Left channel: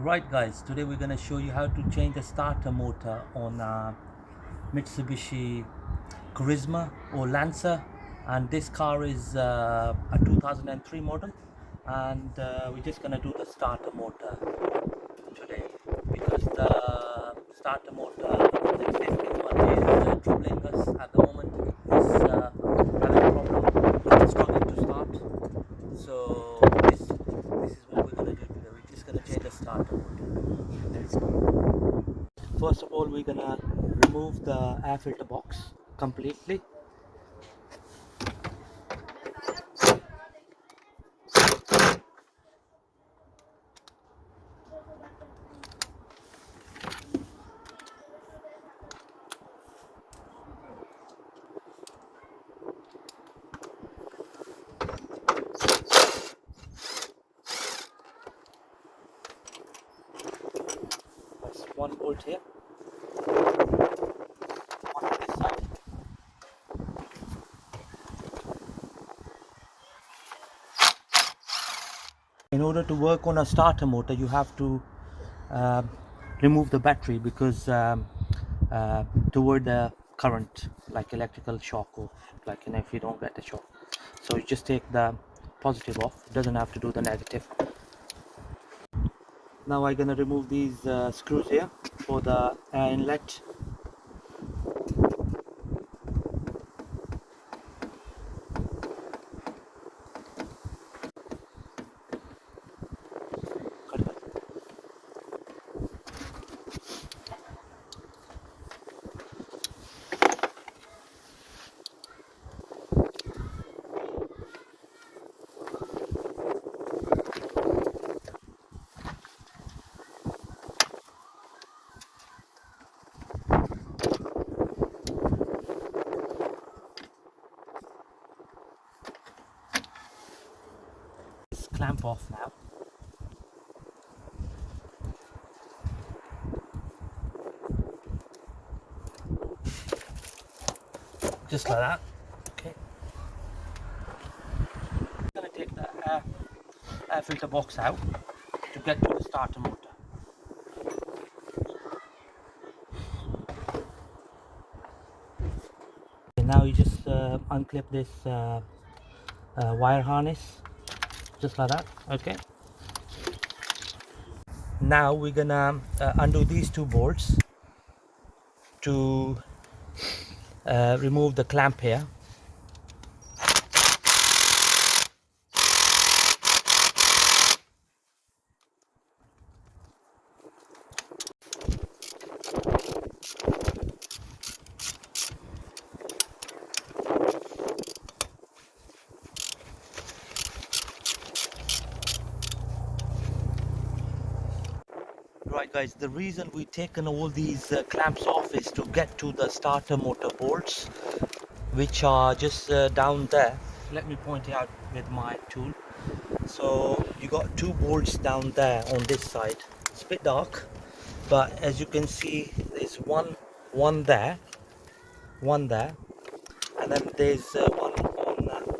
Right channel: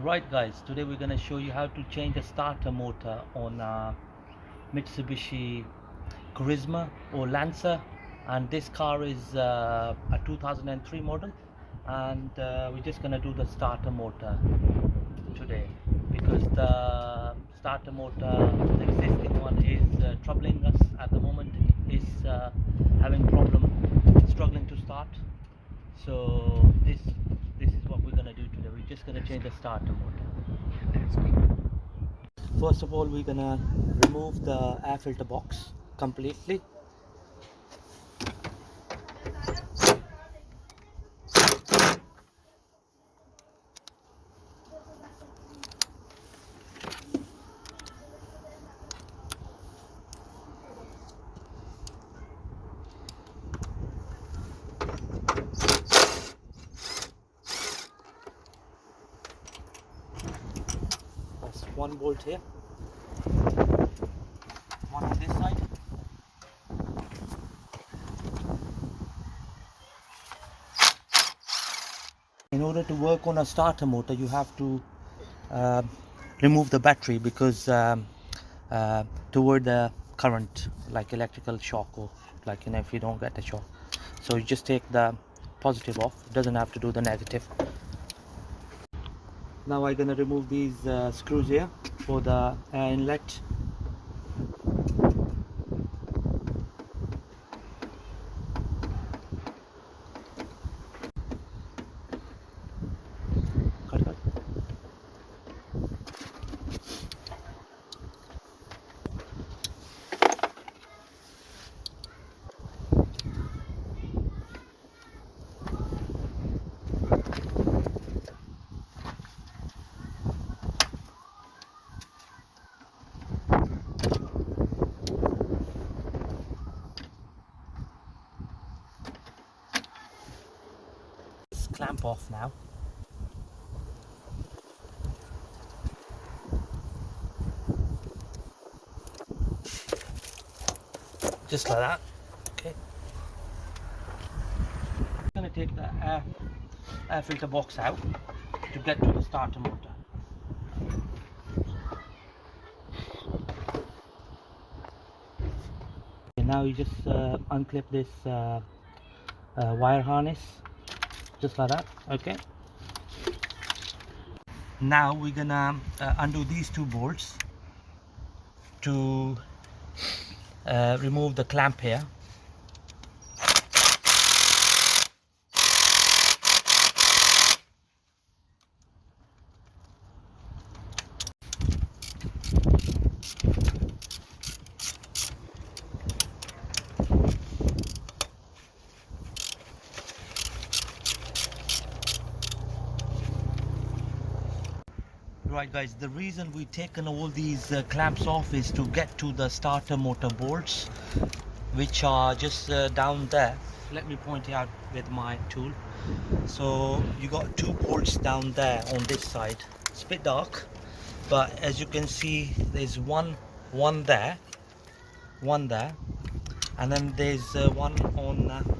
Right guys, today we're going to show you how to change the starter motor on Mitsubishi Carisma or Lancer, and this car is a 2003 model, and we're just going to do the starter motor today because the starter motor, the existing one, is troubling us at the moment. Is having problem, struggling to start. So this is what we're going to do today. We're just going to change the starter motor. First of all, we're going to remove the air filter box completely. That's one bolt here, one on this side. In order to work on a starter motor, you have to remove the battery because toward the current, like electrical shock, or like, if you don't get the shock. So you just take the positive off. It doesn't have to do the negative. Now I'm gonna remove these screws here for the air inlet. Cut. Just clamp off now. Just like that. Okay. I'm gonna take the air filter box out to get to the starter motor. Okay, now you just unclip this wire harness, just like that. Okay. Now we're gonna undo these two bolts to remove the clamp here. Right guys, the reason we've taken all these clamps off is to get to the starter motor bolts, which are just down there. Let me point it out with my tool. So you got two bolts down there on this side. It's a bit dark, but as you can see, there's one there, and then there's one on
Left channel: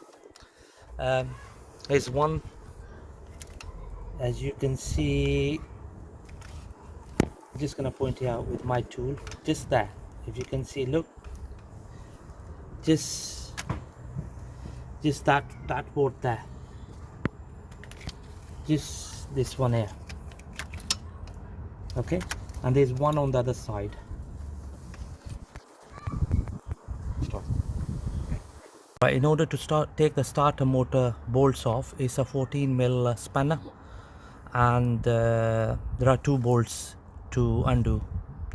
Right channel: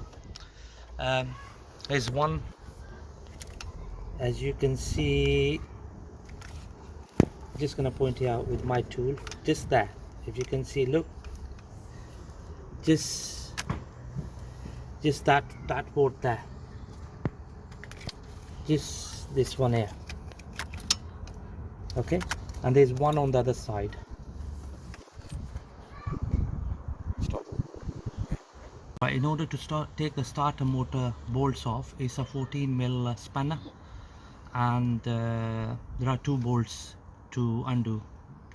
there's one, as you can see, just gonna point it out with my tool, just there. If you can see, look, just that board there, just this one here. Okay, and there's one on the other side. Stop. In order to take the starter motor bolts off, it's a 14mm spanner, and there are two bolts to undo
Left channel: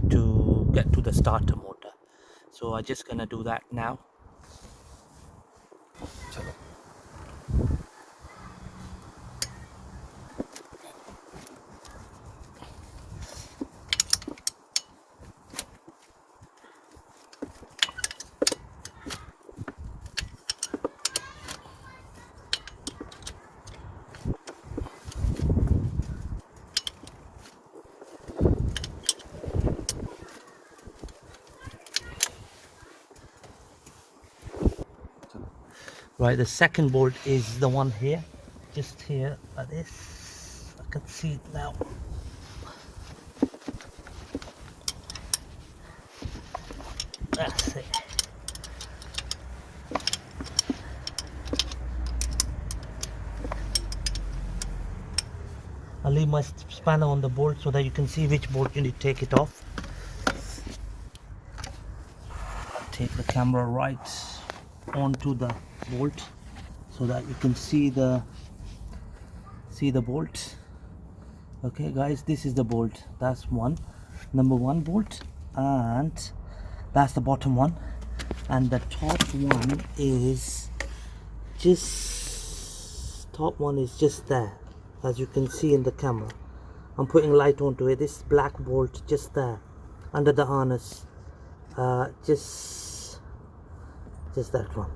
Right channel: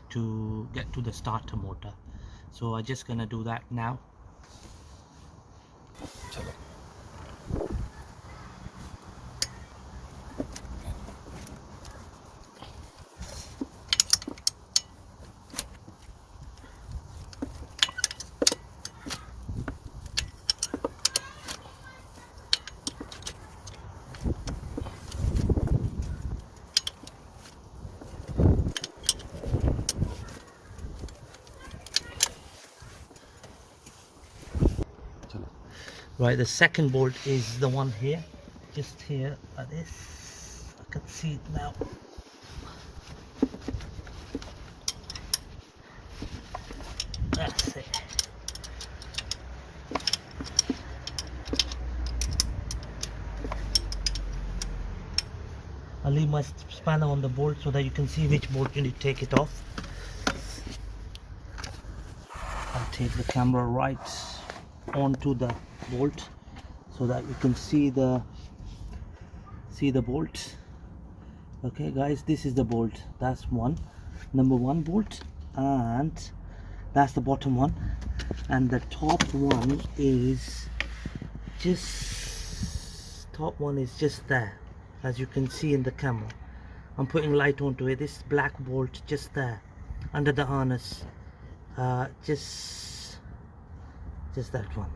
to get to the starter motor. So I'm just gonna do that now. Chalo. Right, the second bolt is the one here, just here like this. I can see it now. I'll leave my spanner on the bolt so that you can see which bolt you need to take it off. I'll take the camera right onto the bolt so that you can see the bolt. Okay guys, this is the bolt. That's number one bolt, and that's the bottom one, and the top one is just there, as you can see in the camera. I'm putting light onto it. This black bolt just there under the harness, just that one.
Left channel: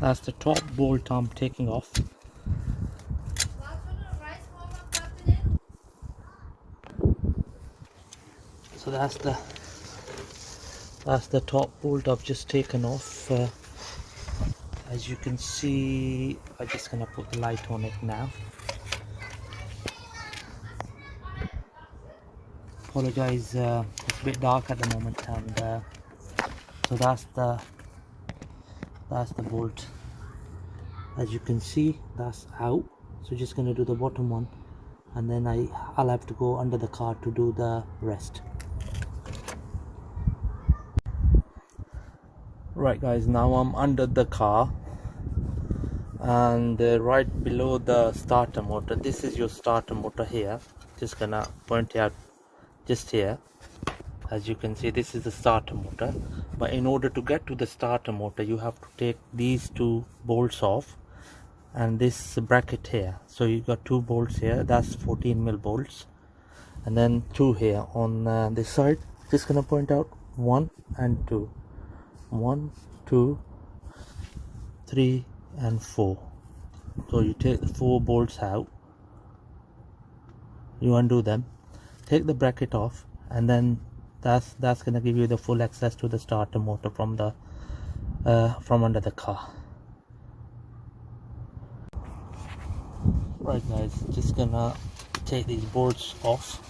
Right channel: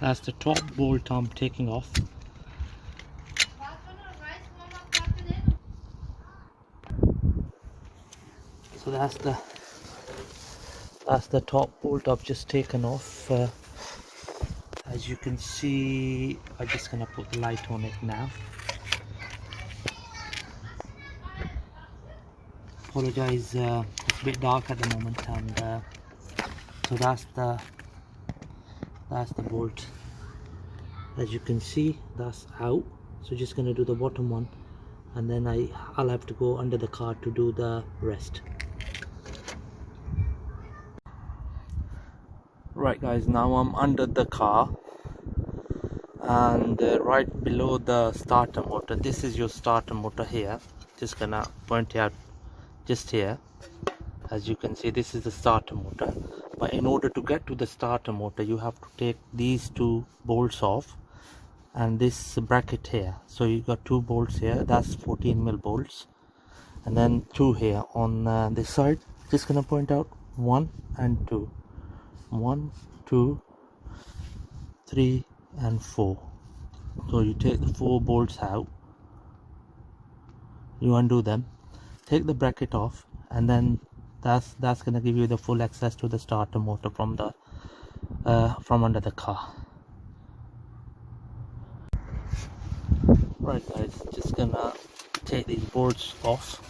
That's the top bolt I'm taking off. So that's the top bolt I've just taken off. As you can see, I'm just gonna put the light on it now. Apologize, it's a bit dark at the moment, and so that's the bolt. As you can see, that's out. So just gonna do the bottom one, and then I'll have to go under the car to do the rest. Right guys, now I'm under the car, and right below the starter motor, this is your starter motor here. Just gonna point it out just here. As you can see, this is the starter motor, but in order to get to the starter motor you have to take these two bolts off and this bracket here. So you got two bolts here, that's 14mm bolts, and then two here on this side. Just gonna point out 1 and 2, 1, 2, 3 and 4. So you take the 4 bolts out, you undo them, take the bracket off, and then that's going to give you the full access to the starter motor from under the car. Right guys, just gonna take these bolts off.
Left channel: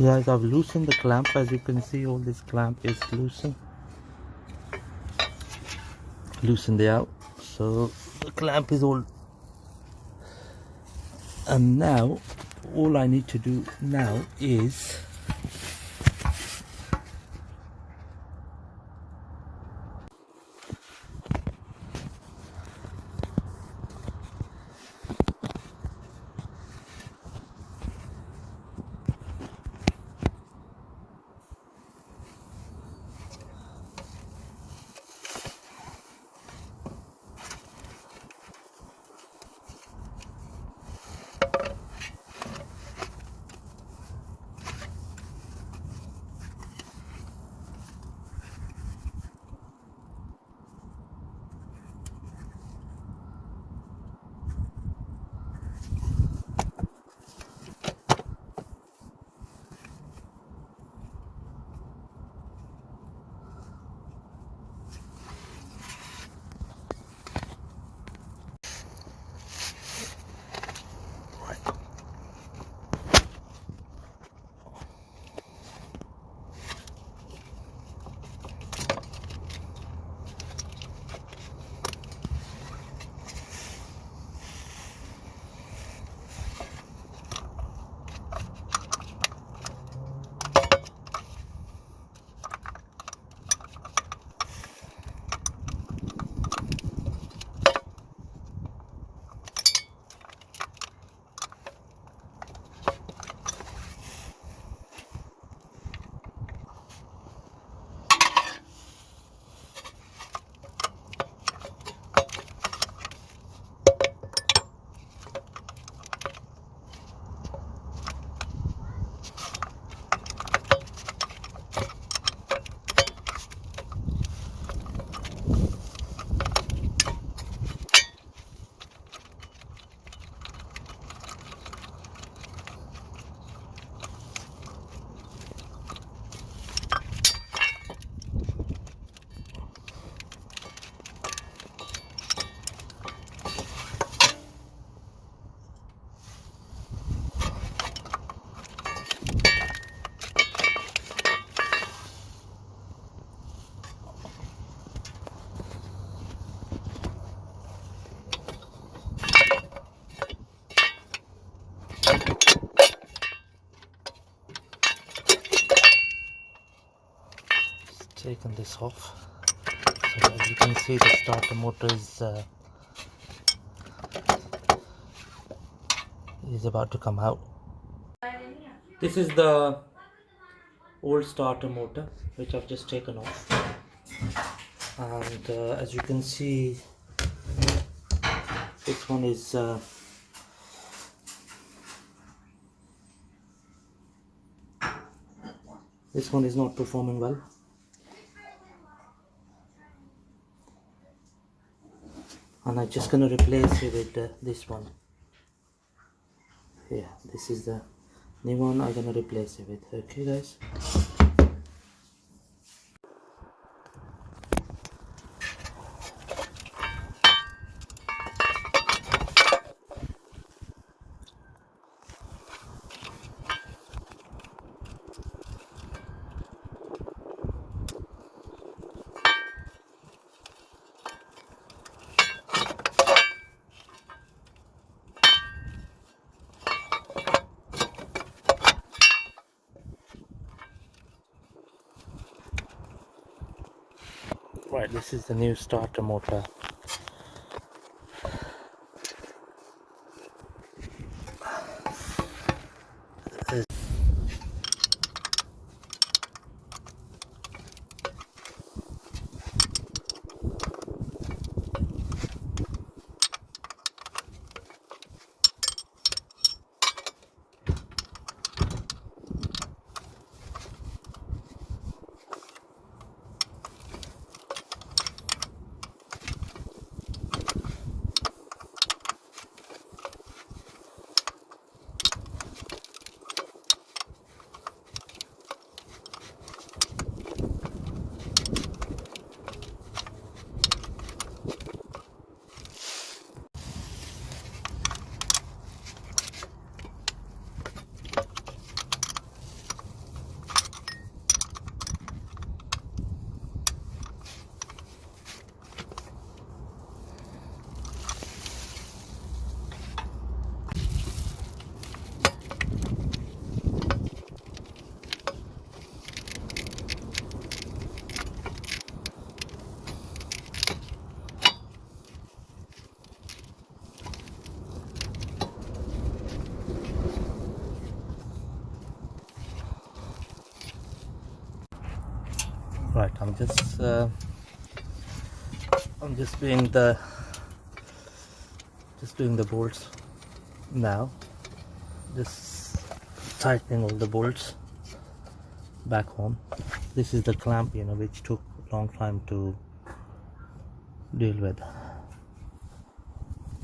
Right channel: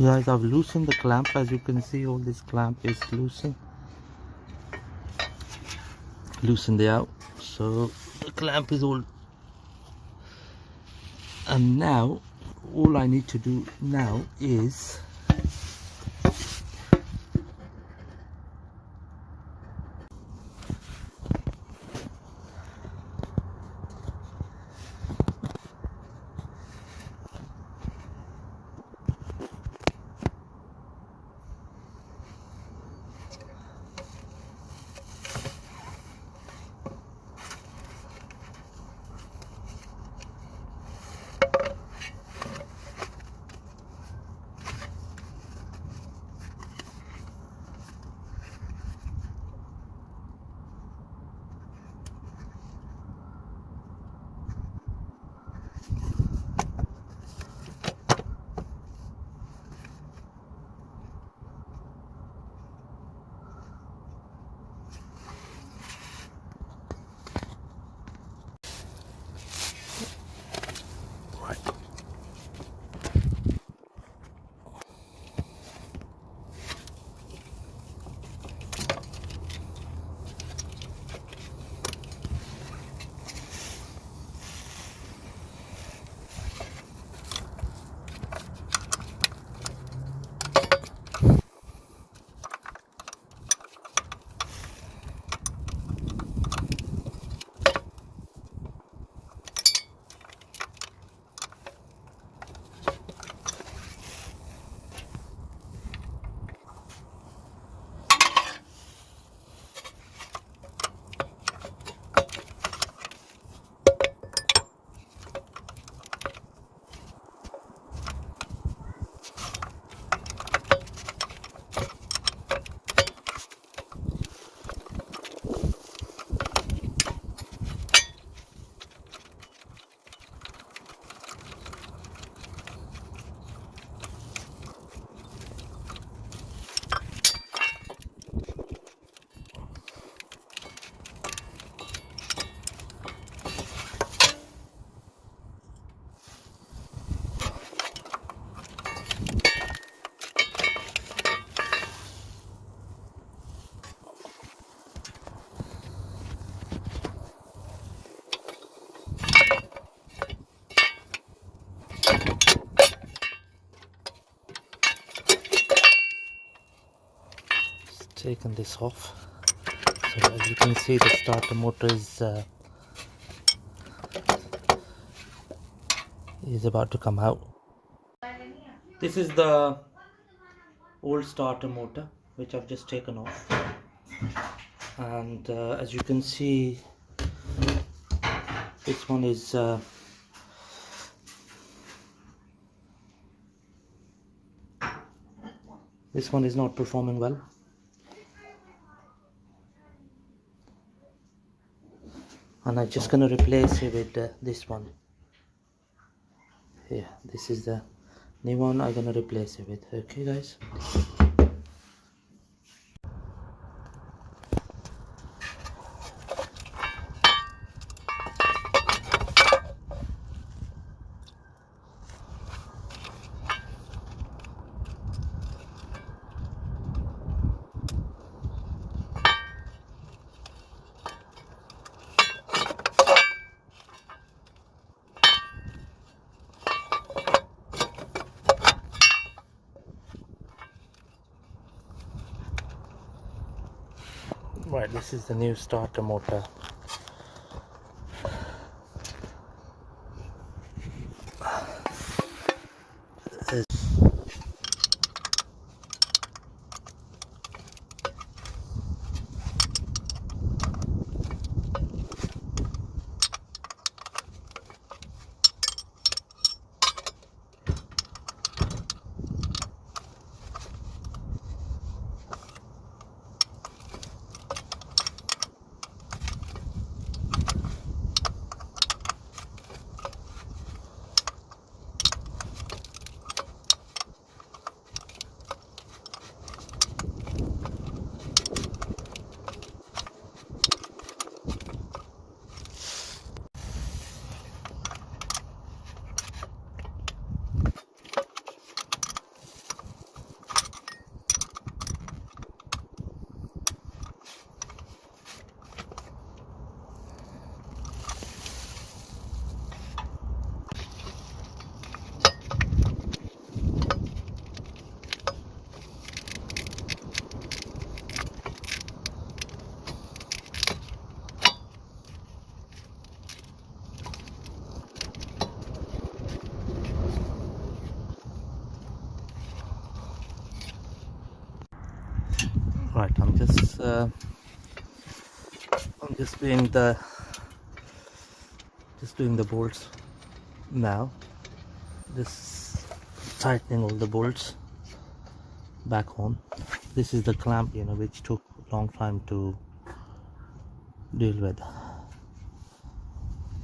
So guys, I've loosened the clamp. As you can see, all this clamp is loosened it out, so the clamp is all. And now all I need to do now is taken this off. So as you can see, the starter motor is about to come out. This is the old starter motor which I've just taken off, and as you can see, this one is not performing well. And I'm just gonna replace it with this one here. This is the new one I'm gonna replace it with. Okay guys, right, this is the new starter motor. Right, I'm just doing the bolts now. Just tightening all the bolts back on. This is the clamp, which took a long time to deal with.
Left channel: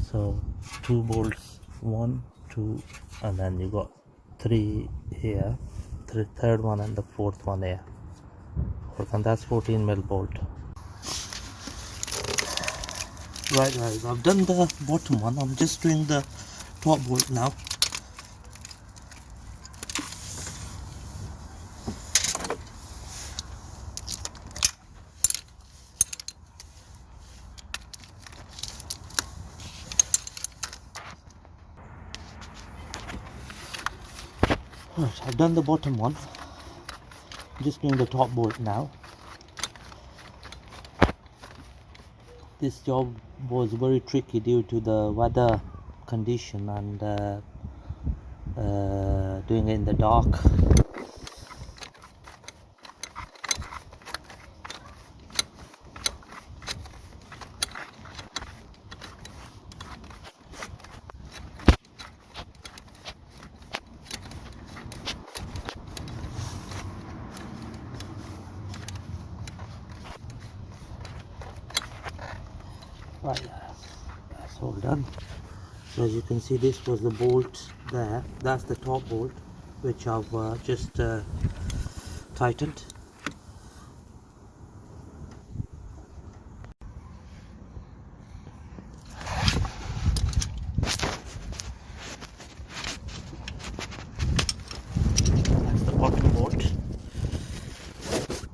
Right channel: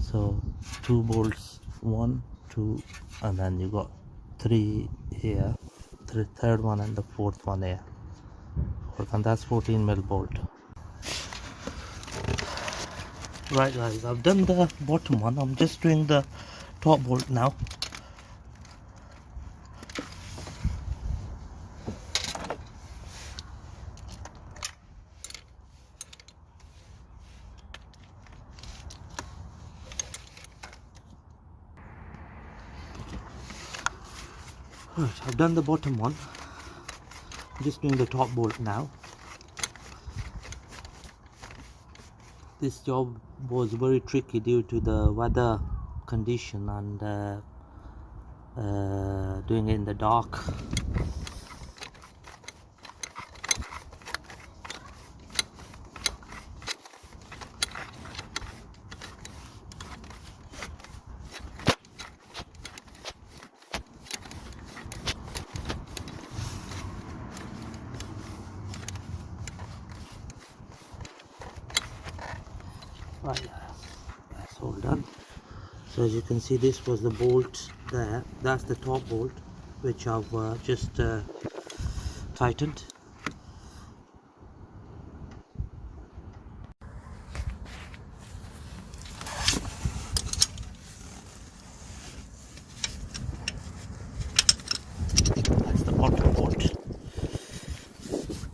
So 2 bolts, 1, 2, and then you got 3 here, the third one and the 4th one here. And that's 14mm bolt. Right guys, I've done the bottom one. I'm just doing the top bolt now. Right, I've done the bottom one. I'm just doing the top bolt now. This job was very tricky due to the weather condition and doing it in the dark. Right, that's all done. So as you can see, this was the bolt there. That's the top bolt, which I've just tightened. That's the bottom bolt.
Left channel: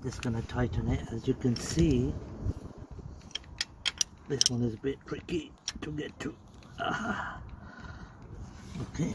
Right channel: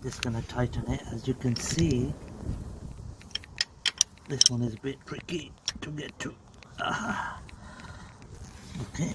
Just gonna tighten it. As you can see, this one is a bit tricky to get to. Okay.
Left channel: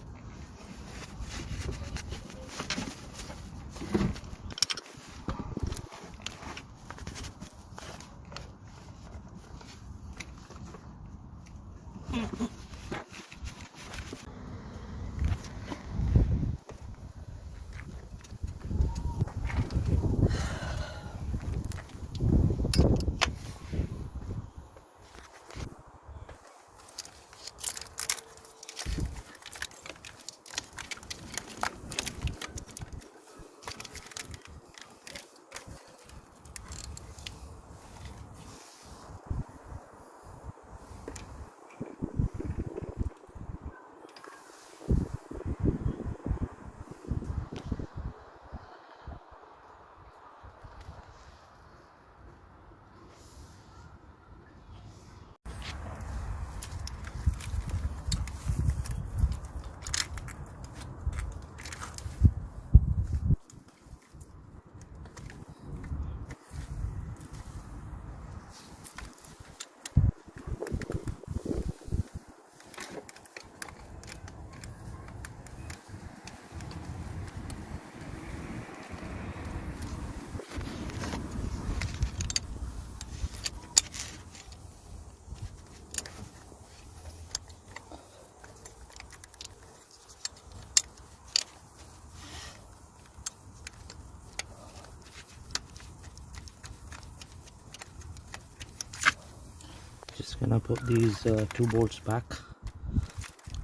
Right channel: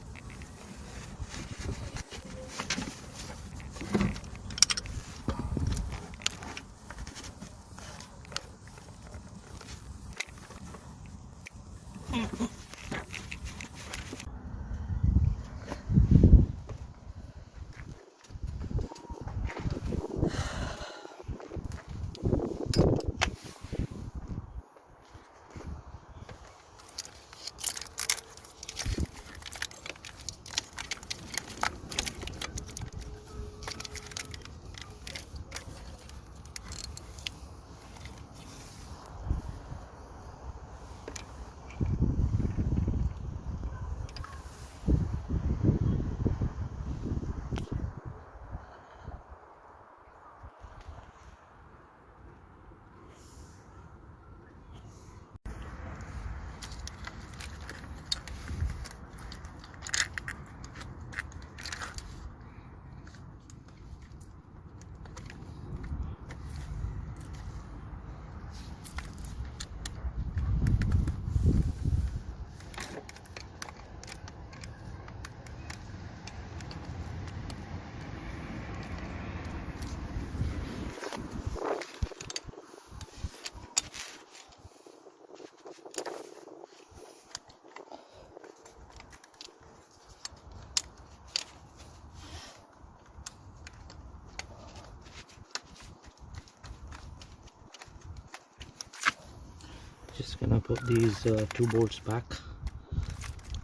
Just gonna put these two bolts back.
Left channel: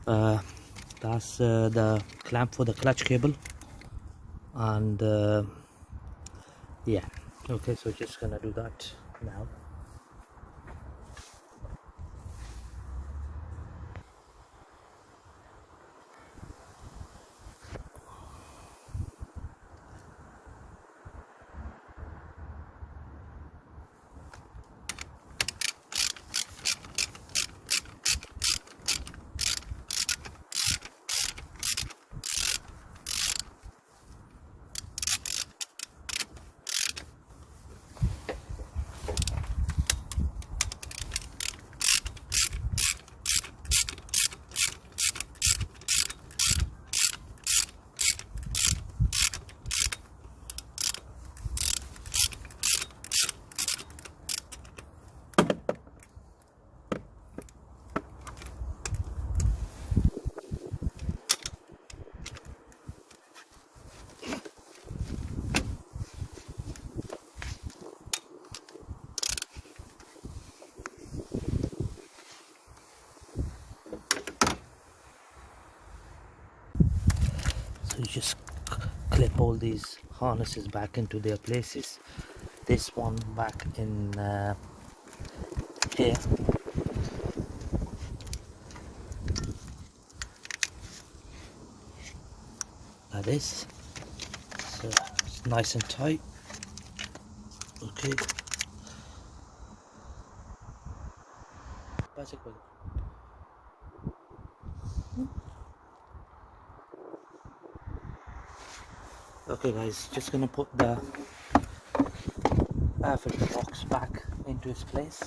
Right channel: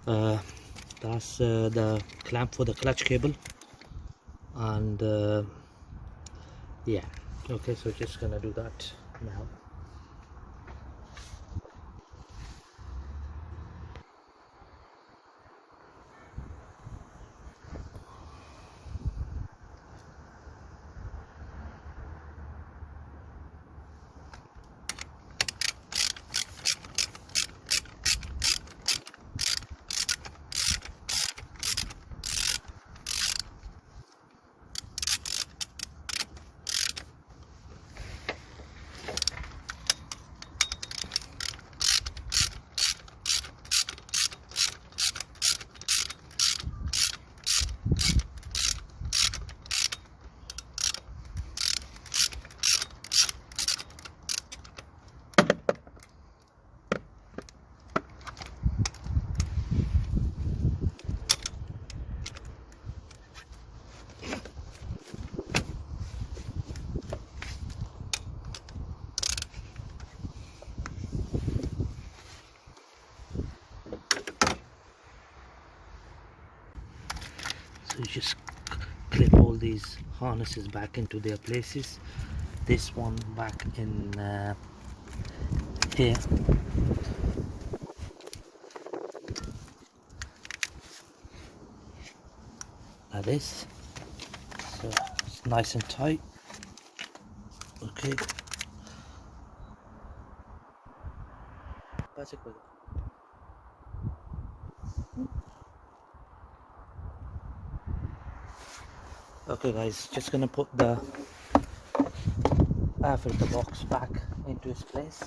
That's the clamp for the clutch cable, and yeah, okay, so just gonna do that now. So you just clip all these harnesses back into their places. This one back in here. Like this. So it's nice and tight. Okay. Okay guys, just gonna put the air filter box back into its place.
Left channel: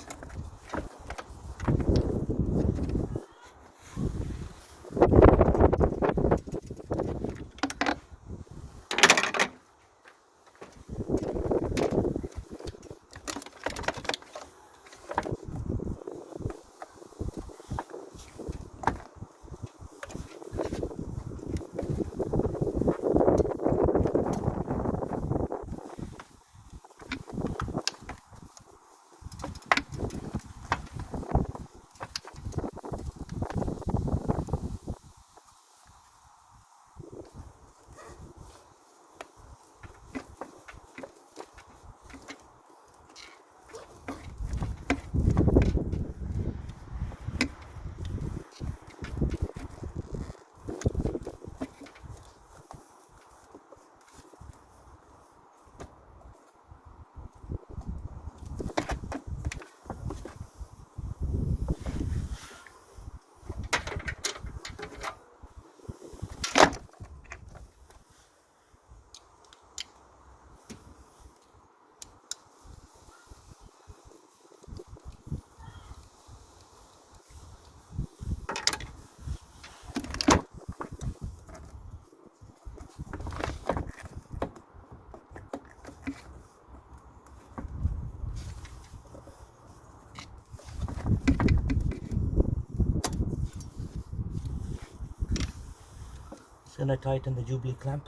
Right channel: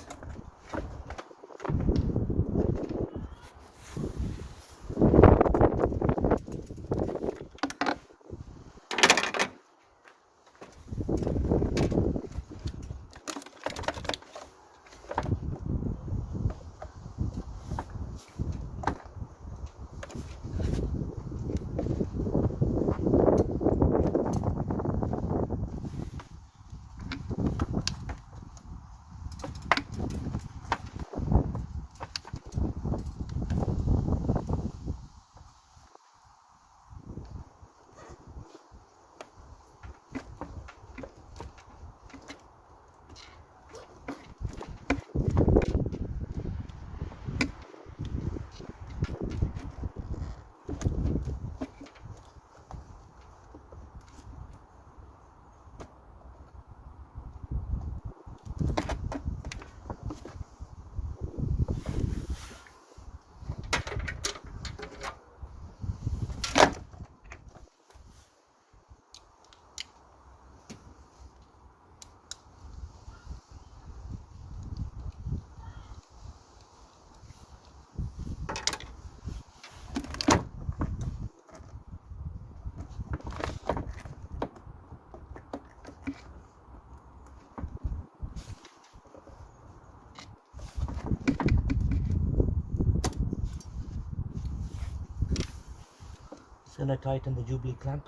Gonna tighten the Jubilee clamp.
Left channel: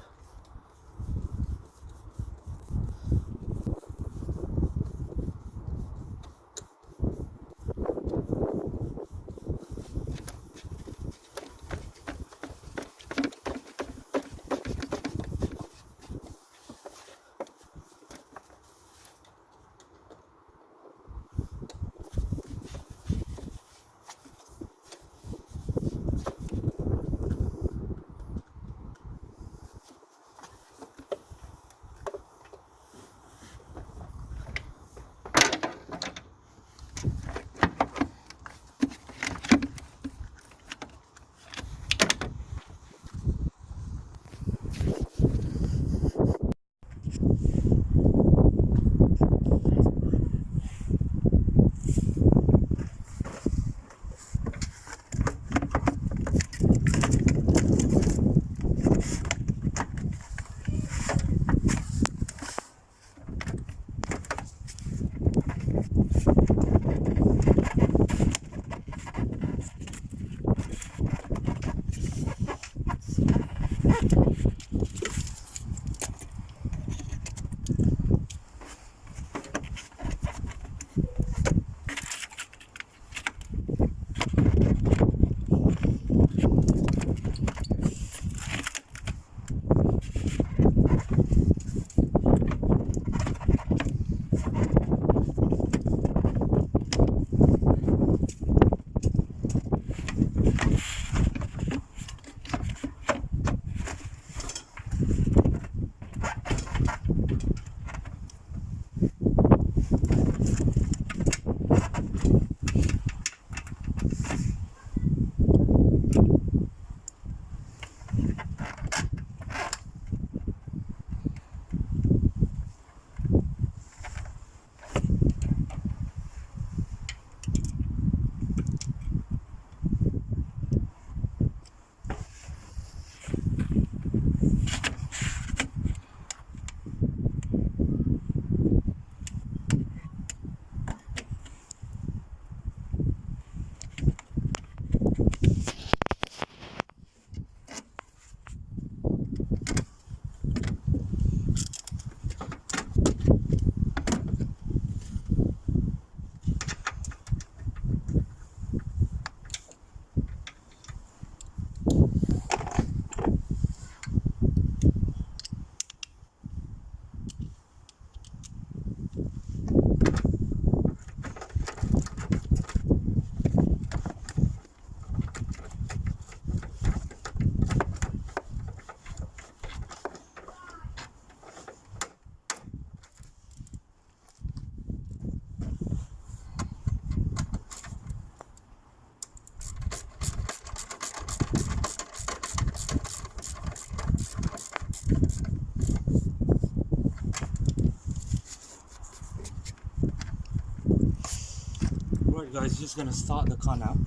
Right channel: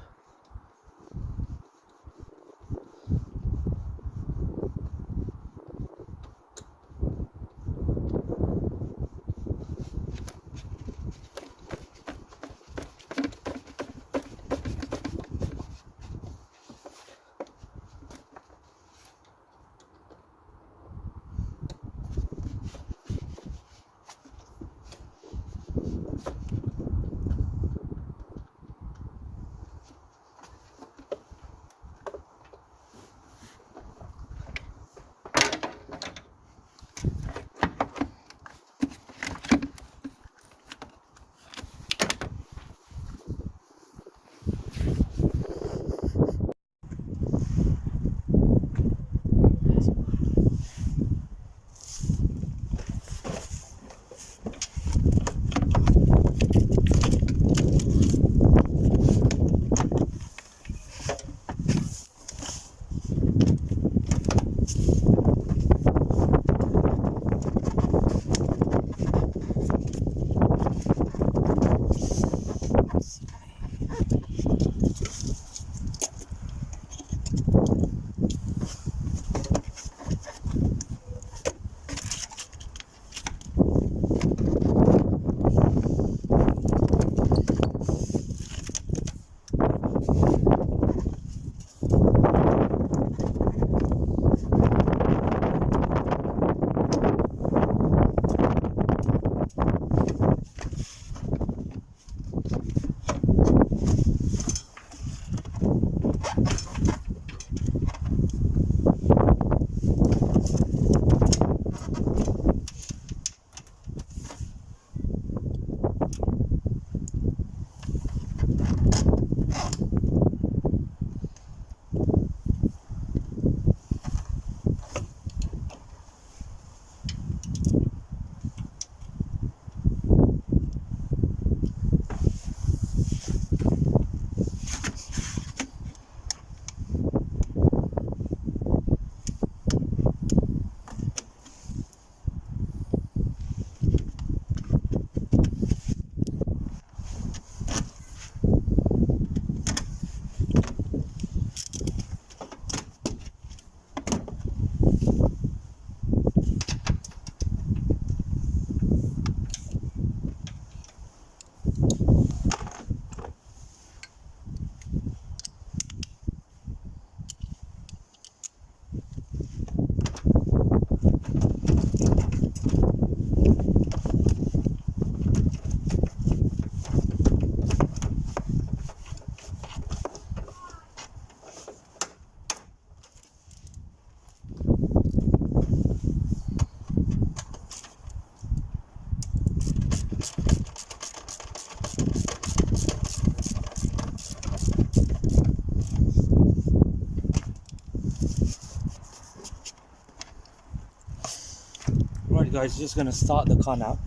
guys, just gonna start the car now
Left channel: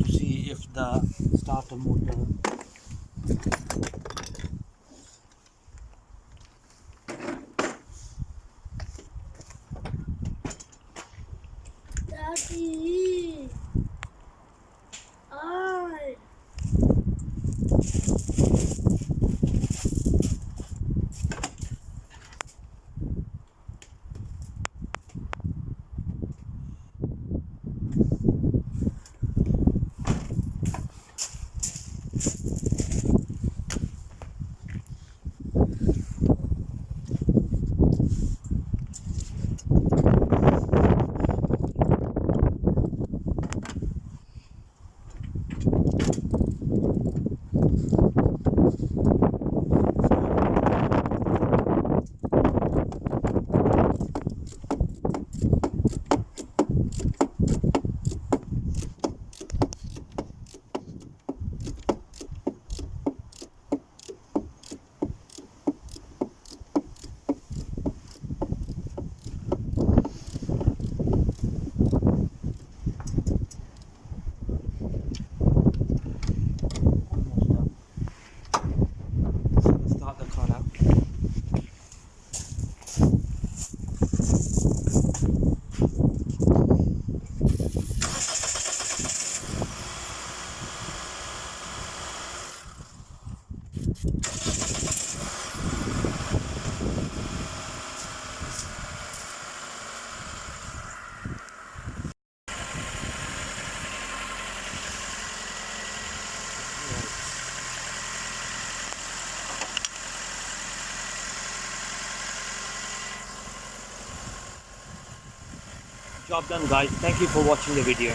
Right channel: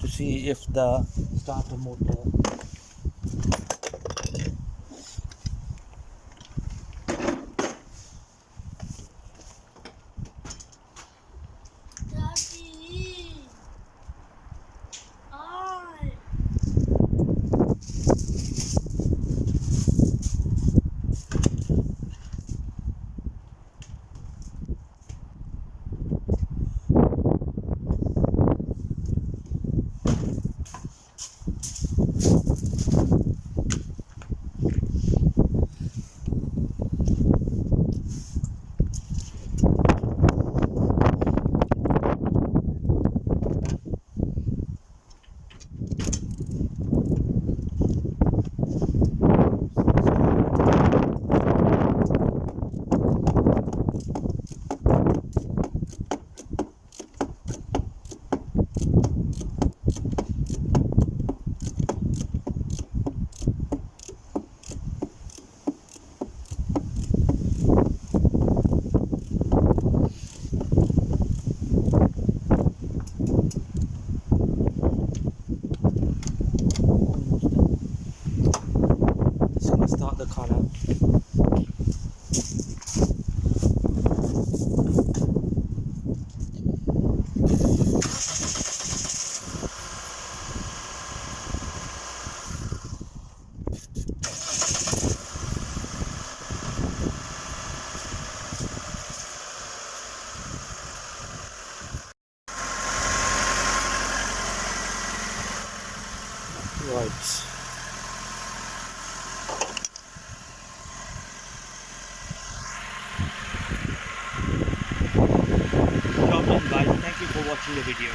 to see if the starter motor Daddy. I. Just gonna start the car now. Right. Job done, guys. Thank you for watching the video.